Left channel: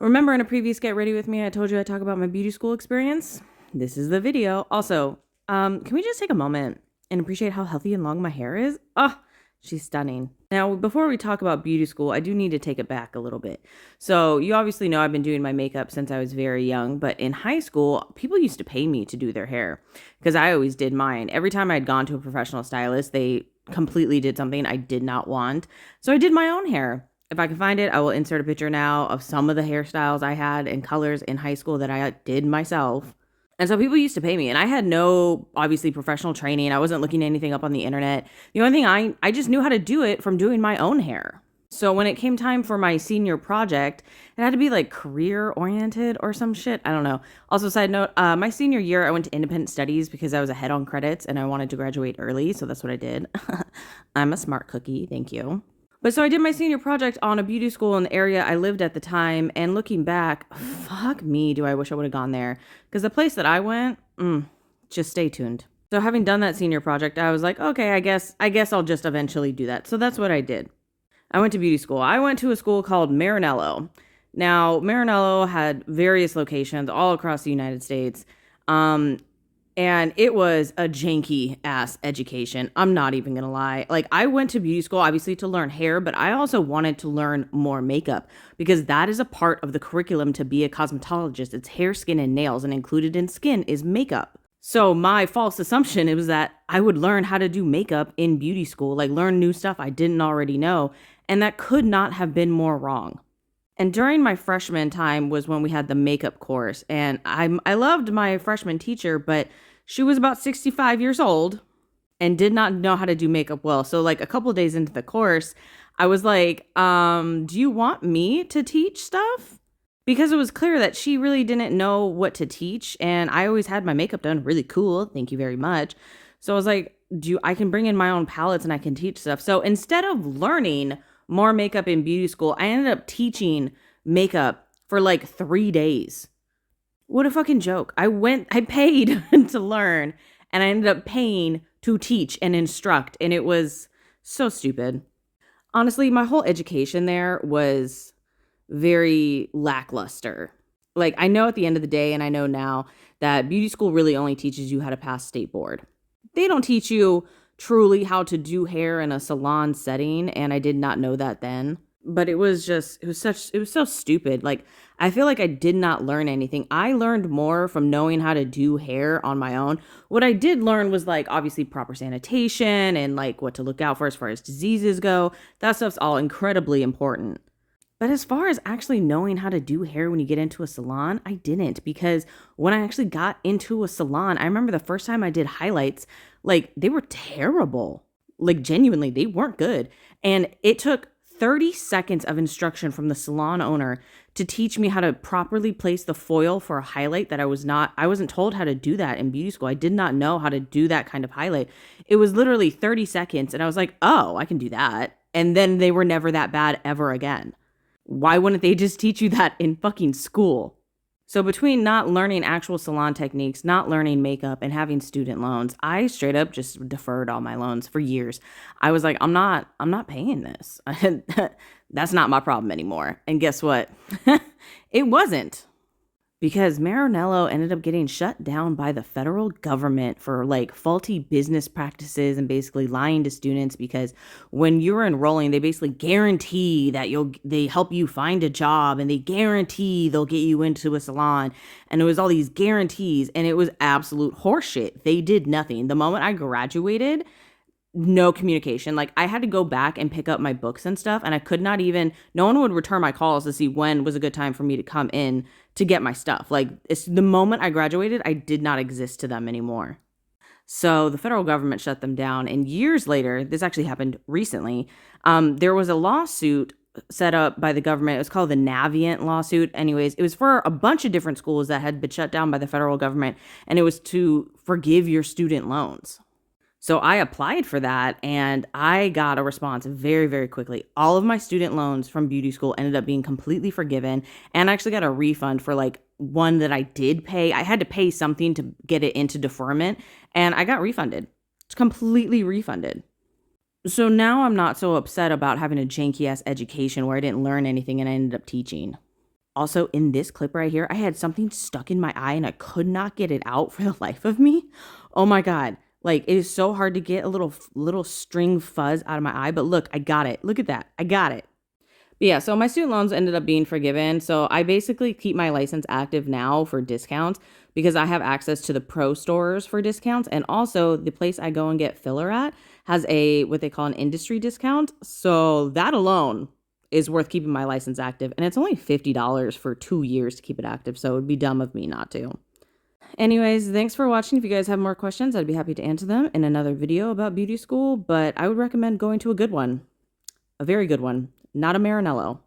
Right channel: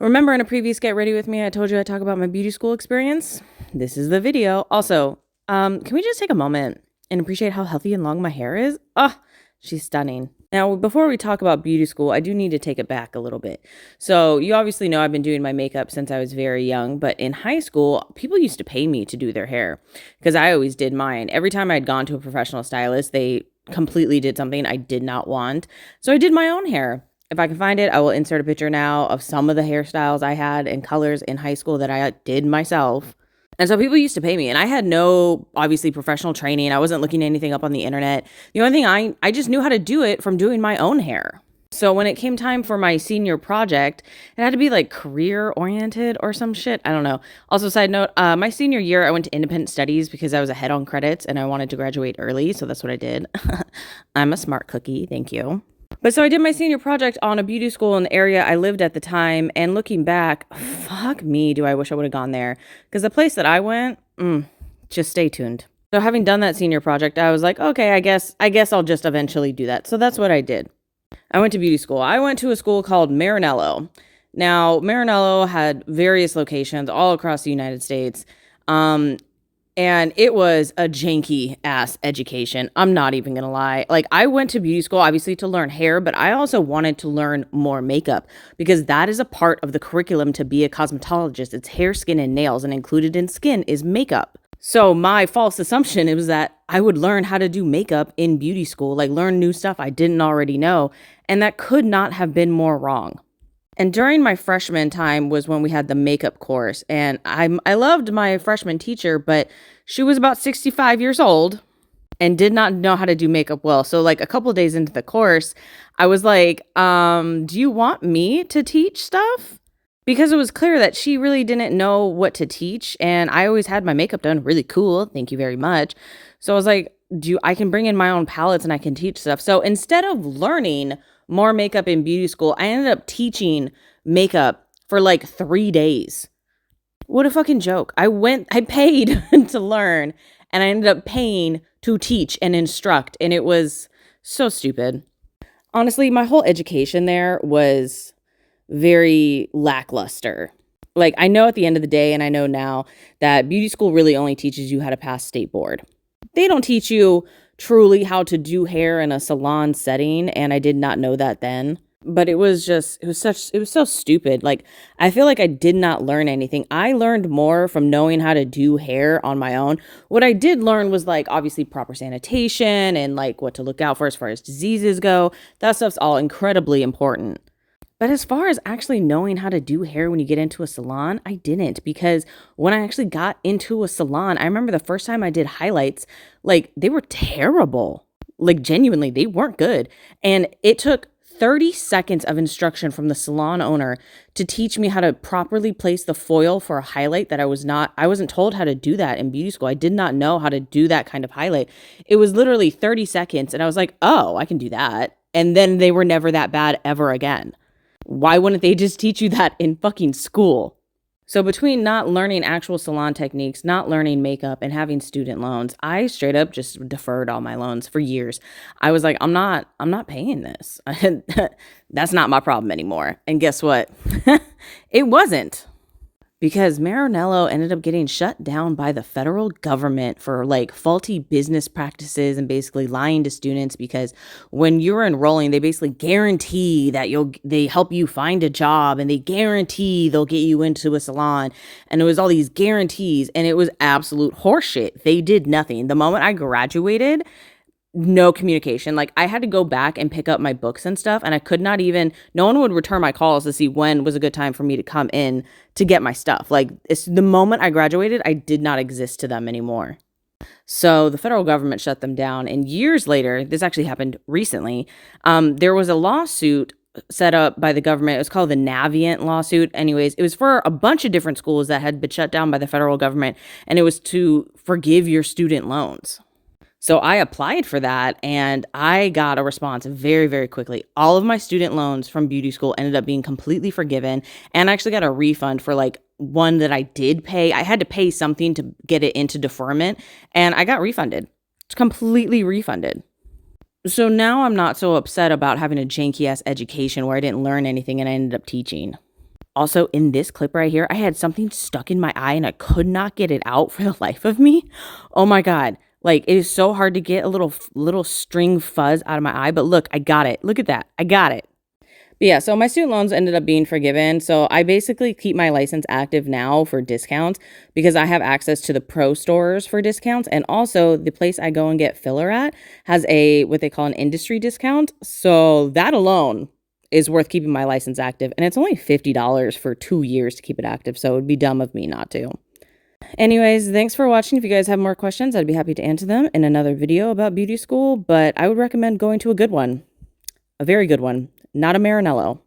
Remember in a previous Get Ready With Me, I told you I'd talk about my beauty school experience? This is the video. Also, can we just take a moment and appreciate how healthy and long my hair is? Oh, she's stunning. Now, before we talk about beauty school, I do need to take it back a little bit. So you obviously know I've been doing my makeup since I was very young, but in high school, people used to pay me to do their hair because I always did mine. Every time I'd gone to a professional stylist, they completely did something I did not want. So I did my own hair. If I can find it, I will insert a picture now of some of the hairstyles I had and colors in high school that I did myself. And so people used to pay me, and I had no, obviously, professional training. I wasn't looking anything up on the internet. The only thing I just knew how to do it from doing my own hair. So when it came time for my senior project, it had to be like career oriented or some shit. I don't know. Also, side note, my senior year, I went to independent studies because I was ahead on credits and I wanted to graduate early. So that's what I did. I'm a smart cookie. Thank you. But so I did my senior project on a beauty school in the area I lived at the time. And looking back, fuck me, do I wish I would have gone there. Because the place that I went, just stay tuned. So having done that senior project, I was like, okay, I guess I'll just eventually do that. So that's what I did. I went to beauty school. I went to a school called Maranello. Now, Maranello had various locations all across the United States. And it was a janky ass education. I'm not even gonna lie. Like, I went to beauty school obviously to learn hair, but I also wanted to learn more makeup because that is a part of the curriculum to be a cosmetologist. It's hair, skin, and nails, and included in skin is makeup. So my false assumption, it was that I would learn how to do makeup in beauty school, like learn new stuff I didn't already know. And that could not have been more wrong. And during my freshman time was when we had the makeup course. And I loved my freshman teacher, but she was about 65 years old and did not know how to do makeup well. So like a couple days into the course, I was like, do you want me to teach stuff? Because it was clear that she really didn't know what to teach. And I always had my makeup done really cool. Thank you very much. So I was like, I can bring in my own palettes and I can teach stuff. So instead of learning more makeup in beauty school, I ended up teaching makeup for like 3 days. What a fucking joke. I paid to learn and I ended up paying to teach and instruct. And it was so stupid. Honestly, my whole education there was very lackluster. Like, I know at the end of the day, and I know now that beauty school really only teaches you how to pass state board. They don't teach you truly how to do hair in a salon setting. And I did not know that then. But it was so stupid. Like, I feel like I did not learn anything. I learned more from knowing how to do hair on my own. What I did learn was like obviously proper sanitation and like what to look out for as far as diseases go. That stuff's all incredibly important. But as far as actually knowing how to do hair when you get into a salon, I didn't, because when I actually got into a salon, I remember the first time I did highlights, like they were terrible. Like genuinely, they weren't good. And it took 30 seconds of instruction from the salon owner to teach me how to properly place the foil for a highlight that I wasn't told how to do that in beauty school. I did not know how to do that kind of highlight. It was literally 30 seconds and I was like, oh, I can do that. And then they were never that bad ever again. Why wouldn't they just teach you that in fucking school? So between not learning actual salon techniques, not learning makeup, and having student loans, I straight up just deferred all my loans for years. I was like, I'm not paying this. That's not my problem anymore. And guess what? It wasn't. Because Maranello ended up getting shut down by the federal government for like faulty business practices and basically lying to students, because when you're enrolling, they basically guarantee that they help you find a job and they guarantee they'll get you into a salon. And it was all these guarantees and it was absolute horseshit. They did nothing. The moment I graduated, no communication. Like, I had to go back and pick up my books and stuff, and I could not even, no one would return my calls to see when was a good time for me to come in to get my stuff. Like, it's the moment I graduated, I did not exist to them anymore. So the federal government shut them down. And years later, this actually happened recently, there was a lawsuit set up by the government. It was called the Navient lawsuit. Anyways, it was for a bunch of different schools that had been shut down by the federal government, and it was to forgive your student loans. So I applied for that and I got a response very, very quickly. All of my student loans from beauty school ended up being completely forgiven, and I actually got a refund for like one that I did pay. I had to pay something to get it into deferment, and I got refunded. It's completely refunded. So now I'm not so upset about having a janky ass education where I didn't learn anything and I ended up teaching. Also, in this clip right here, I had something stuck in my eye and I could not get it out for the life of me. Oh my God. Like, it is so hard to get a little string fuzz out of my eye, but look, I got it. Look at that. I got it. But yeah, so my student loans ended up being forgiven. So I basically keep my license active now for discounts because I have access to the pro stores for discounts. And also the place I go and get filler at has what they call an industry discount. So that alone is worth keeping my license active. And it's only $50 for 2 years to keep it active. So it would be dumb of me not to. Anyways, thanks for watching. If you guys have more questions, I'd be happy to answer them in another video about beauty school. But I would recommend going to a good one, a very good one, not a Marinello.